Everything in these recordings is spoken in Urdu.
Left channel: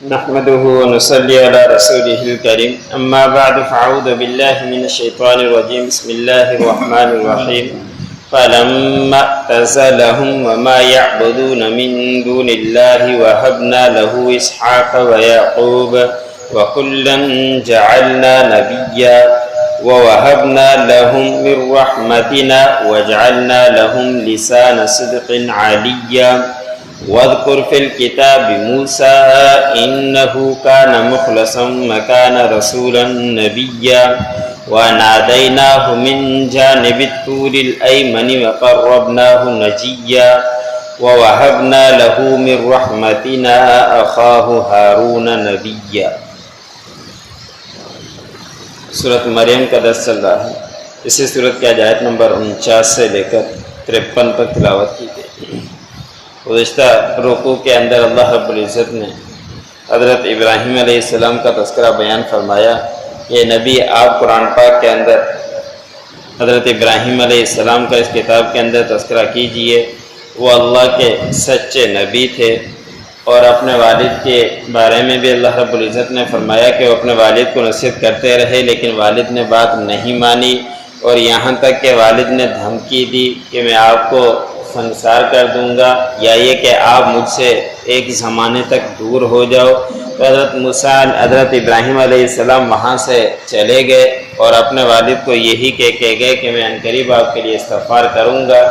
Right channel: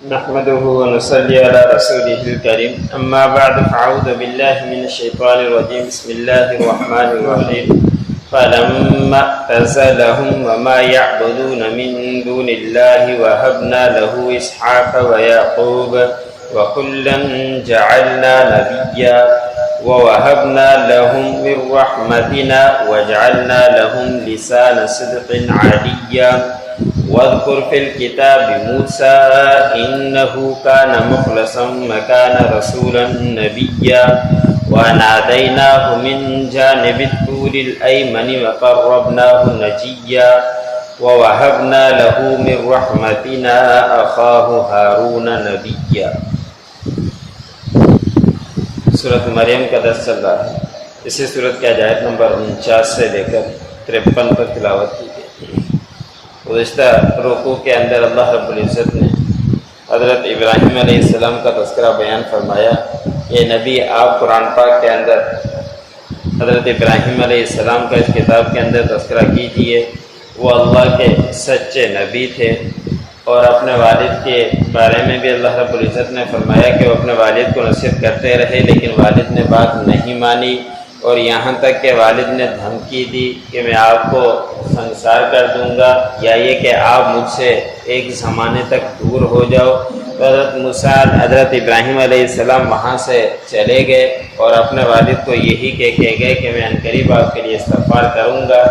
نحمده ونصلي على رسوله الكريم أما بعد فأعوذ بالله من الشيطان الرجيم بسم الله الرحمن الرحيم فلما اعتزلهم وما يعبدون من دون الله وهبنا له إسحاق ويعقوب وكلا جعلنا نبيا ووهبنا لهم من رحمتنا وجعلنا لهم لسان صدق عليا واذكر في الكتاب موسى إنه كان مخلصا وكان رسولا نبيا وناديناه من جانب الطور الأيمن وقربناه نجيا ووهبنا له من رحمتنا أخاه هارون نبيا۔ سورۃ مریم کا درس چل رہا ہے۔ اسی سورت کی آیت نمبر 49 سے لے کر 53 پر تلاوت کی گئی۔ گزشتہ رکوع کے اندر اللہ رب العزت نے حضرت ابراہیم علیہ السلام کا تذکرہ بیان فرمایا۔ یہ نبی آپ قرآن پاک کے اندر حضرت ابراہیم علیہ السلام کا اس کتاب کے اندر تذکرہ کیجئے۔ وہ اللہ کے سچے نبی تھے، اور اپنے والد کے بارے میں بھی اللہ رب العزت نے فرمایا کہ وہ اپنے والد کو نصیحت کرتے رہے، لیکن والد نے بات نہیں مانی، اور یہاں تک کہ والد نے دھمکی دی کہ میں آپ کو سنسار کر دوں گا، یا یہ کہ آپ مجھ سے ایک زمانے تک دور ہو جاؤ۔ تو حضرت موسیٰ حضرت ابراہیم علیہ السلام وہاں سے چلے گئے اور اپنے والد کو یہی کہہ کے گئے کہ میں عنقریب آپ کے لیے استغفار کروں گا،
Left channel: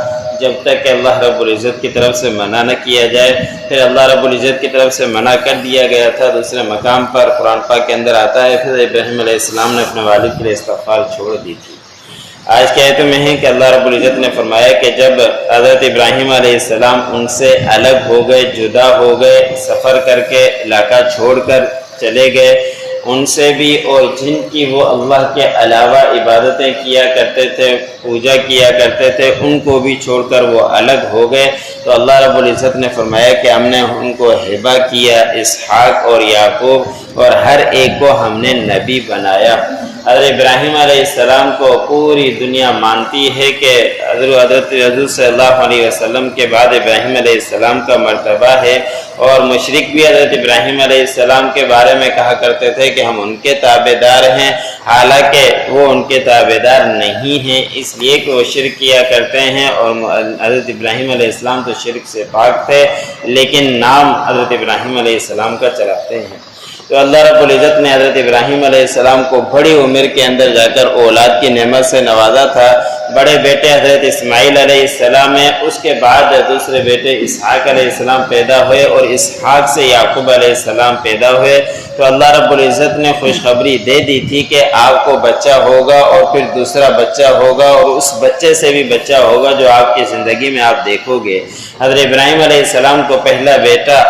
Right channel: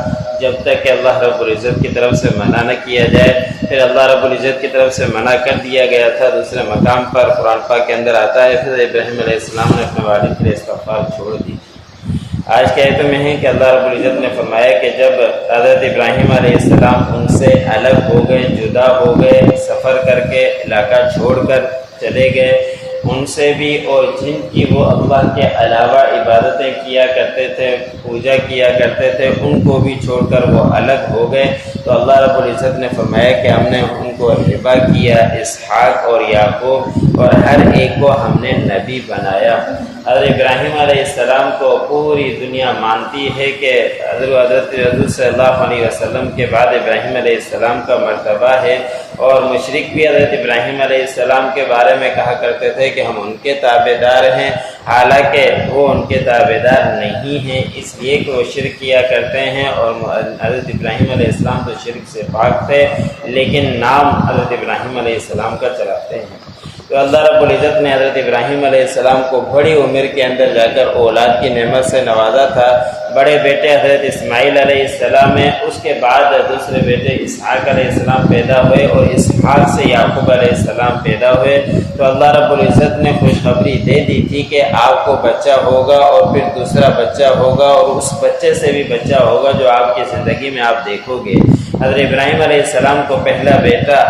جب تک کہ اللہ رب العزت کی طرف سے منع نہ کیا جائے۔ پھر اللہ رب العزت کی طرف سے منع کر دیا گیا تھا۔ دوسرے مقام پر قرآن پاک کے اندر آتا ہے پھر ابراہیم علیہ السلام نے اپنے والد کے لیے استغفار چھوڑ دی تھی۔ آج کی آیتوں میں ہے کہ اللہ رب العزت نے فرمایا کہ جب حضرت ابراہیم علیہ السلام ان سے الگ ہو گئے، جدا ہو گئے، سفر کر کے علاقہ چھوڑ کر چلے گئے، ان سے بھی اور جن کی وہ اللہ کے علاوہ عبادتیں کیا کرتے تھے، پوجا کیا کرتے تھے، ان کو بھی چھوڑ کر وہ الگ ہو گئے، تو اللہ رب العزت نے فرمایا کہ ہم نے ان کو ہبہ کیا، اسحاق اور یعقوب، اور ہر ایک کو ہم نے نبی بنایا۔ حضرت ابراہیم علیہ السلام کو پوری دنیا مانتی ہے کہ حضرت صلی اللہ علیہ وسلم کے بعد ابراہیم علیہ السلام کا مرتبہ ہے، اور مشرک بھی حضرت ابراہیم علیہ السلام کے بارے میں کہا کرتے تھے کہ ہم ان کے تابع دار ہیں، حالانکہ وہ ان کے تابع دار نہیں ہیں، اس لیے کہ وہ شرک کیا کرتے ہیں، اور حضرت ابراہیم علیہ السلام تو شرک سے پاک تھے، لیکن نام حضرت ابراہیم علیہ السلام کا چلاتے ہیں۔ تو اللہ رب العزت نے حضرت ابراہیم علیہ السلام کو بڑی عمر کے اندر جا کر اولاد کی نعمت سے نوازا تھا۔ بڑے بیٹے حضرت اسماعیل علیہ السلام ہیں، اس کے بعد دوسرے بیٹے اسحاق علیہ السلام پیدا ہوئے، اور اسحاق سے یعقوب علیہ السلام پیدا ہوئے۔ تو اللہ رب العزت نے خوشخبری دے دی تھی کہ آپ کو بچہ ہوگا، اور پھر دوسرا بچہ ہوگا، اور اس بچے سے بھی بچہ ہوگا جو آپ کی زندگی میں آپ دیکھو گے۔ حضرت ابراہیم علیہ السلام کو پہلا بیٹا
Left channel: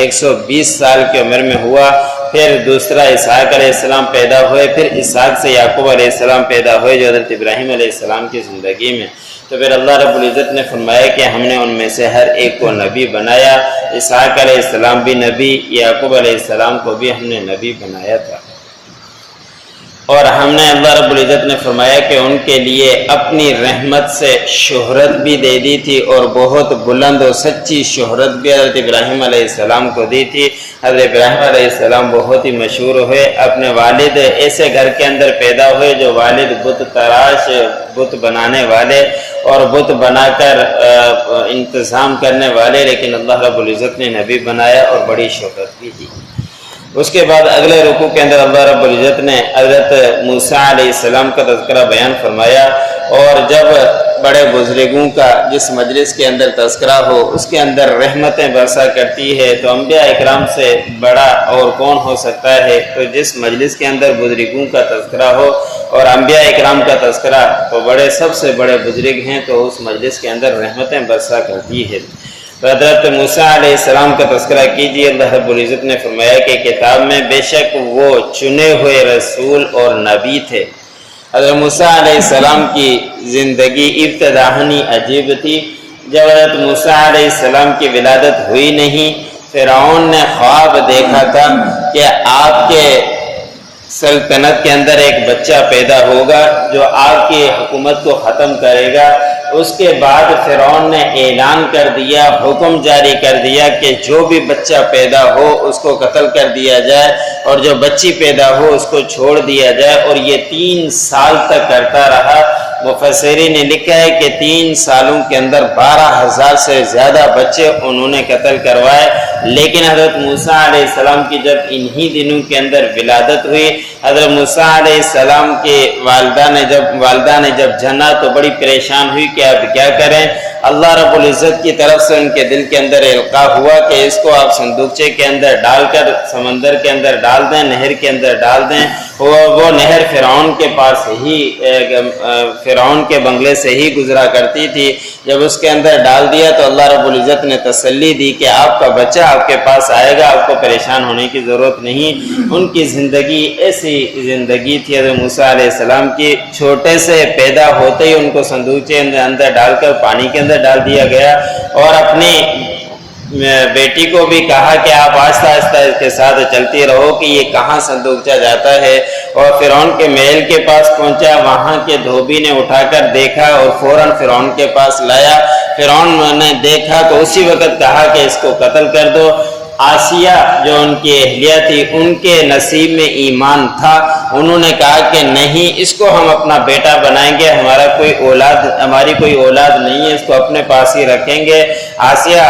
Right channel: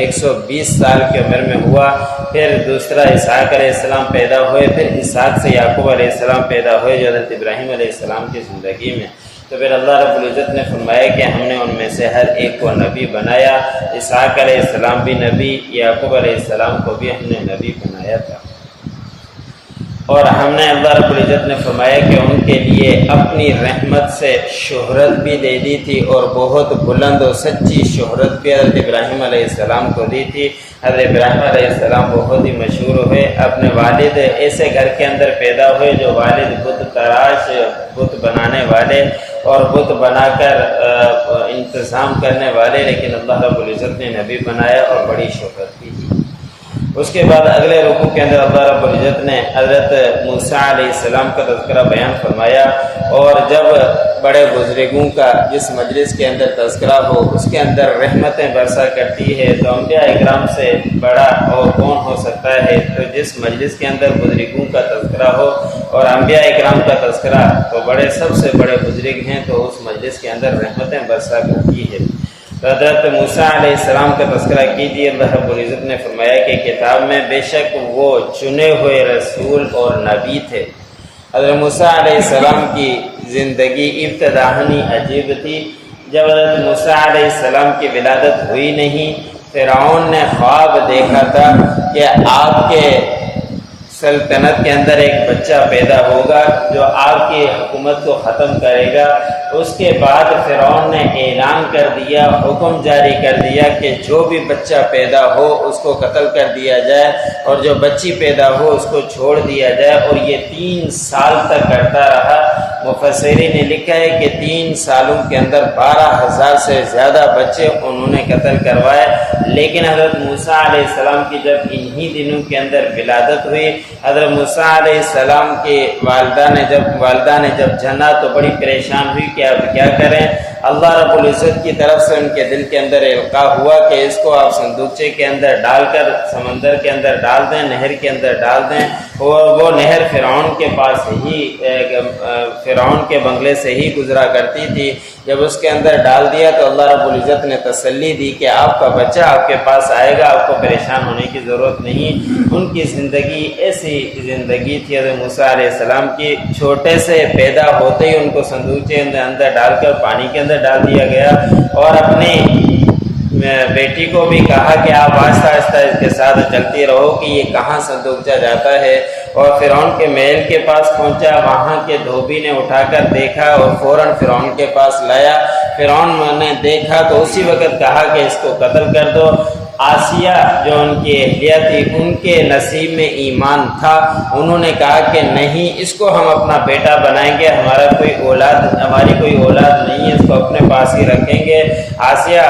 120 سال کی عمر میں ہوا، پھر دوسرا اسحاق علیہ السلام پیدا ہوئے، پھر اسحاق سے یعقوب علیہ السلام پیدا ہوئے جو حضرت ابراہیم علیہ السلام کی زندگی میں۔ تو پھر اللہ رب العزت نے فرمایا کہ ہم نے ان میں سے ہر ایک کو نبی بنایا۔ اسحاق علیہ السلام بھی نبی، یعقوب علیہ السلام کو بھی ہم نے نبی بنایا تھا، اور ہم نے اللہ رب العزت نے فرمایا کہ ان کے لیے اپنی رحمت سے شہرت بھی دے دی تھی، اور بہت بلند و سچی شہرت بھی حضرت ابراہیم علیہ السلام کو دی تھی۔ حضرت ابراہیم علیہ السلام بہت ہی مشہور ہوئے، اپنے والد ایسے گھر کے اندر پیدا ہوئے جو والد بت تراش، بت بنانے والے اور بت بنا کر انتظام کرنے والے، لیکن اللہ رب العزت نے نبی بنایا اور بڑی شہرت بھی دی۔ اس کے بعد اگلے رکوع کے اندر اللہ رب العزت نے حضرت موسیٰ علیہ السلام کا تذکرہ بیان فرمایا، اور جب بڑے بزرگوں کا جس مجلس کے اندر تذکرہ ہو اس کے اندر رحمتیں برسا کرتی ہے، تو انبیاء اکرام سے بڑا اور کون ہو سکتا ہے؟ تو جس مجلس کے اندر بزرگوں کا تذکرہ ہو اور انبیاء اکرام کا تذکرہ، تو بڑے سب سے بڑے بزرگ ہیں، تو اس مجلس کے اندر رحمتیں برسا کرتی ہے۔ حضرت موسیٰ علیہ السلام کا تذکرہ کیجیے۔ اللہ رب العزت نے فرمایا کہ کتاب میں بے شک وہ چنے ہوئے رسول اور نبی تھے۔ حضرت موسیٰ علیہ السلام کی زندگی ابتدائی عجیب تھی۔ جب حضرت موسیٰ علیہ السلام کی ولادت ہوئی نہیں، فرعون نے خواب دیکھا تھا کہ آپ کے سلطنت کے اندر ایک بچہ پیدا ہوگا جو آپ کی حکومت کو ختم کرے گا۔ اس کے بعد فرعون نے اعلان کر دیا، حکم جاری کر دیا کہ جو بھی بچہ پیدا ہو اس کو قتل کر دیا جائے، اور جو بچی پیدا ہو اس کو چھوڑ دیا جائے، اور یہ 3 سال تک کرتا رہا۔ مفسرین نے لکھا ہے کہ 3 سالوں کے اندر 12,000 سے زیادہ بچے انہوں نے قتل کروائے، لیکن حضرت موسیٰ علیہ السلام کی جب انہی دنوں کے اندر ولادت ہوئی، حضرت موسیٰ علیہ السلام کے والدہ نے جب جنا تو بڑی پریشان ہوئی کہ اب کیا کریں۔ اللہ رب العزت کی طرف سے ان کے دل کے اندر القاء ہوا کہ اس کو آپ صندوقچے کے اندر ڈال کر سمندر کے اندر ڈال دیں، نہر کے اندر ڈال دیں۔ وہ نہر فرعون کے پاس ہی، فرعون کے بنگلے سے ہی گزرا کرتی تھی۔ جب اس کے اندر ڈال دیا تو اللہ رب العزت نے تسلی دی کہ آپ کا بچہ آپ کے پاس آئے گا، آپ کو پریشان ہونے کی ضرورت نہیں۔ ان کی زندگی ایسی زندگی تھی حضرت موسیٰ علیہ السلام کی، چھوٹے سے پیدا ہوتے ہی ان کو صندوقچے اندر ڈال کر پانی کے اندر ڈال دیا گیا، اور اپنی بیٹی کو بھی کہا کہ آپ آہستہ آہستہ اس کے ساتھ چلتی رہو کہ یہ کہاں صندوقچہ جاتا ہے۔ اور فرعون کے محل کے پاس پہنچا، وہاں کے دھوبی نے اٹھا کر دیکھا اور فوراً فرعون کے پاس لایا۔ فرعون نے دیکھا تو اسی وقت کہا کہ اس کو قتل کر دو۔ آسیہ جو ان کی اہلیہ تھی، ان کے نصیب میں ایمان تھا، انہوں نے کہا کہ نہیں، اس کو ہم اپنا بیٹا بنائیں گے، ہماری کوئی اولاد نہیں ہے، اس کو اپنے پاس ہی رکھیں گے۔ آسیہ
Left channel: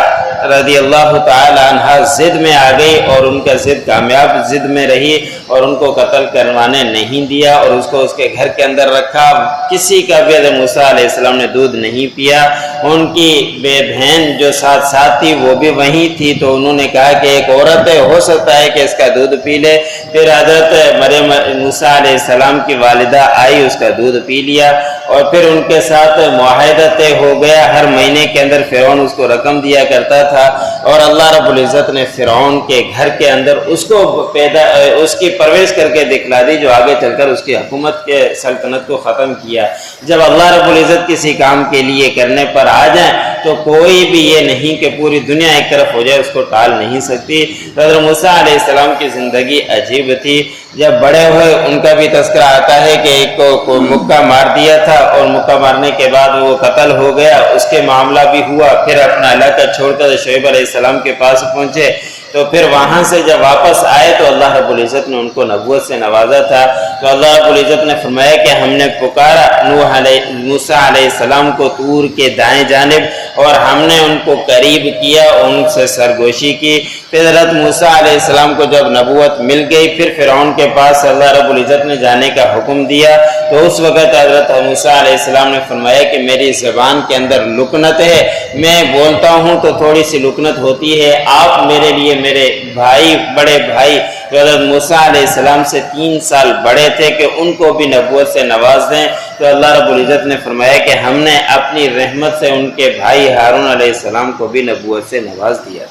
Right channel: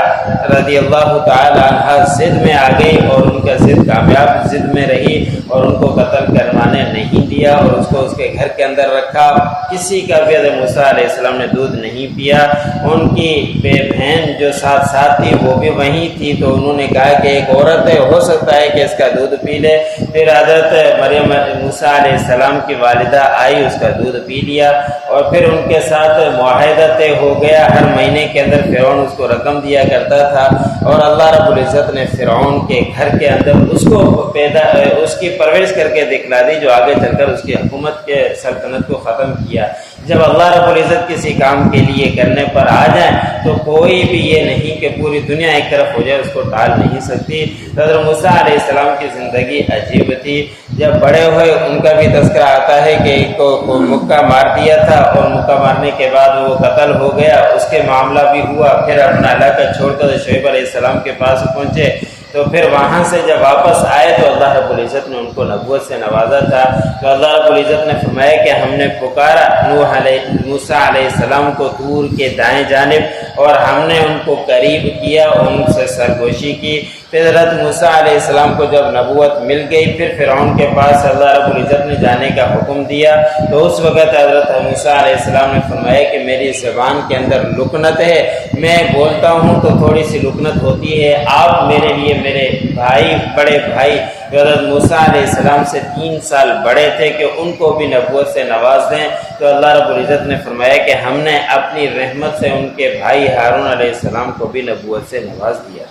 رضی اللہ تعالی عنہ ضد میں آ گئی، اور ان کا ضد کامیاب ضد میں رہی، اور ان کو قتل کروانے نہیں دیا، اور اس کو اس کے گھر کے اندر رکھا۔ کسی کا بھی حضرت موسیٰ علیہ السلام نے دودھ نہیں پیا۔ ان کی بہن جو ساتھ تھی وہ بھی وہیں تھی، تو انہوں نے کہا کہ ایک عورت ہے، ہو سکتا ہے کہ اس کا دودھ پی لے۔ پھر حضرت مریم موسیٰ علیہ السلام کی والدہ آئی، اس کا دودھ پی لیا، اور پھر ان کے ساتھ معاہدہ طے ہو گیا۔ ہر مہینے کے اندر فرعون اس کو رقم دیا کرتا تھا، اور اللہ رب العزت نے فرعون کے گھر کے اندر اس کی پرورش کر کے دکھلا دی، جو آگے چل کر اس کی حکومت کے سلطنت کو ختم کیا۔ جب اللہ رب العزت کسی کام کے لیے کرنے پر آ جائیں تو کوئی بھی یہ نہیں کہ پوری دنیا ایک طرف ہو جائے اس کو ٹال نہیں سکتی۔ حضرت موسیٰ علیہ السلام کی زندگی عجیب تھی۔ جب بڑے ہوئے ان کا بھی تذکرہ آتا ہے کہ ایک کو مکہ مار دیا تھا، اور مکہ مارنے کے بعد وہ قتل ہو گیا، اس کے معاملہ بھی ہوا۔ پھر اپنا علاقہ چھوڑ کر شعیب علیہ السلام کے پاس پہنچے، تو پھر وہاں سے جب واپس آئے تو اللہ رب العزت نے ان کو نبوت سے نوازا تھا۔ تو اللہ رب العزت نے فرمایا کہ ہم نے پکارا موسیٰ علیہ السلام کو طور کے دائیں جانب، اور ہم نے ان کو قریب کیا، ان سے سرگوشی کی۔ پھر حضرت موسیٰ علیہ السلام کو جب نبوت مل گئی، پھر فرعون کے پاس اللہ رب العزت نے جانے کا حکم دیا، تو اس وقت حضرت موسیٰ علیہ السلام نے فرمایا کہ میری زبان کے اندر لکنت ہے، میں بولتا ہوں تو تھوڑی سی لکنت ہوتی ہے، آپ میرے لیے میرے بھائی، بڑے بھائی جو حضرت موسیٰ علیہ السلام سے 3 سال بڑے تھے، کہ ان کو بھی نبوت سے نواز دیں۔ تو اللہ رب العزت نے فرمایا کہ ہم نے اپنی رحمت سے ان کے بھائی ہارون علیہ السلام کو بھی نبوت سے نواز دیا۔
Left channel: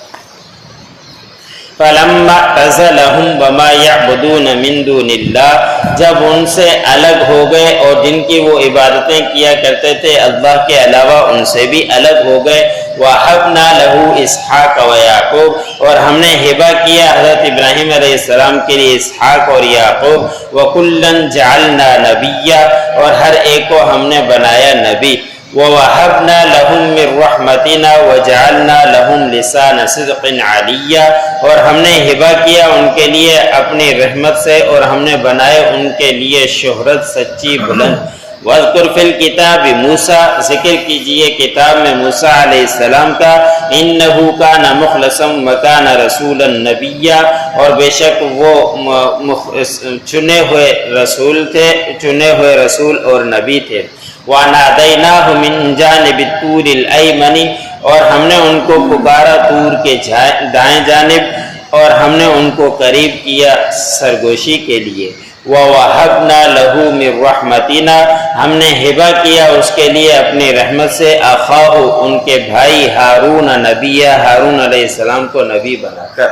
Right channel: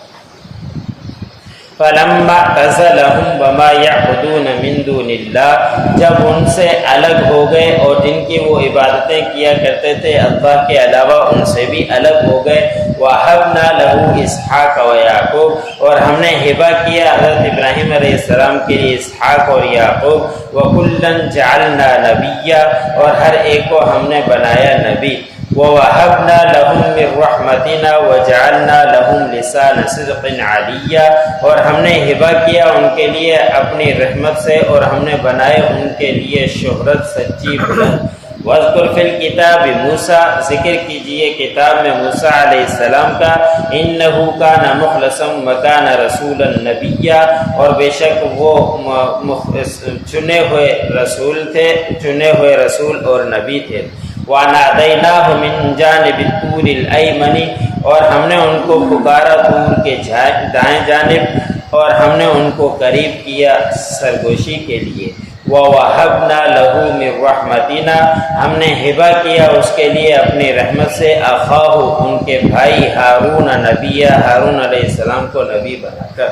فَلَمَّا اعْتَزَلَهُمْ وَمَا يَعْبُدُونَ مِن دُونِ اللَّهِ، جب ان سے الگ ہو گئے اور جن کی وہ عبادتیں کیا کرتے تھے اللہ کے علاوہ، ان سے بھی الگ ہو گئے۔ وَهَبْنَا لَهُ إِسْحَاقَ وَيَعْقُوبَ، اور ہم نے ہبہ کیا حضرت ابراہیم علیہ السلام کے لیے اسحاق اور یعقوب۔ وَكُلًّا جَعَلْنَا نَبِيًّا، اور ہر ایک کو ہم نے بنایا نبی۔ وَوَهَبْنَا لَهُم مِّن رَّحْمَتِنَا وَجَعَلْنَا لَهُمْ لِسَانَ صِدْقٍ عَلِيًّا، اور ہم نے ہبہ کیا ان کے لیے اپنی رحمت سے، اور ہم نے بنائے ان کے لیے شہرت سچی بلند۔ وَاذْكُرْ فِي الْكِتَابِ مُوسَىٰ، ذکر کیجئے کتاب میں موسیٰ علیہ السلام کا، إِنَّهُ كَانَ مُخْلَصًا وَكَانَ رَسُولًا نَبِيًّا، اور بے شک وہ چنے ہوئے رسول تھے، چنے ہوئے رسول اور نبی تھے۔ وَنَادَيْنَاهُ مِن جَانِبِ الطُّورِ الْأَيْمَنِ، اور ہم نے ان کو پکارا طور کے دائیں جانب، اور ہم نے ان کو قریب کیا سرگوشی کے لیے۔ وَوَهَبْنَا لَهُ مِن رَّحْمَتِنَا، ہم نے ہبہ کیا اس کے لیے اپنی رحمت سے، أَخَاهُ، ان کے بھائی ہارون نبیہ، ہارون علیہ السلام کو نبی بنا کر۔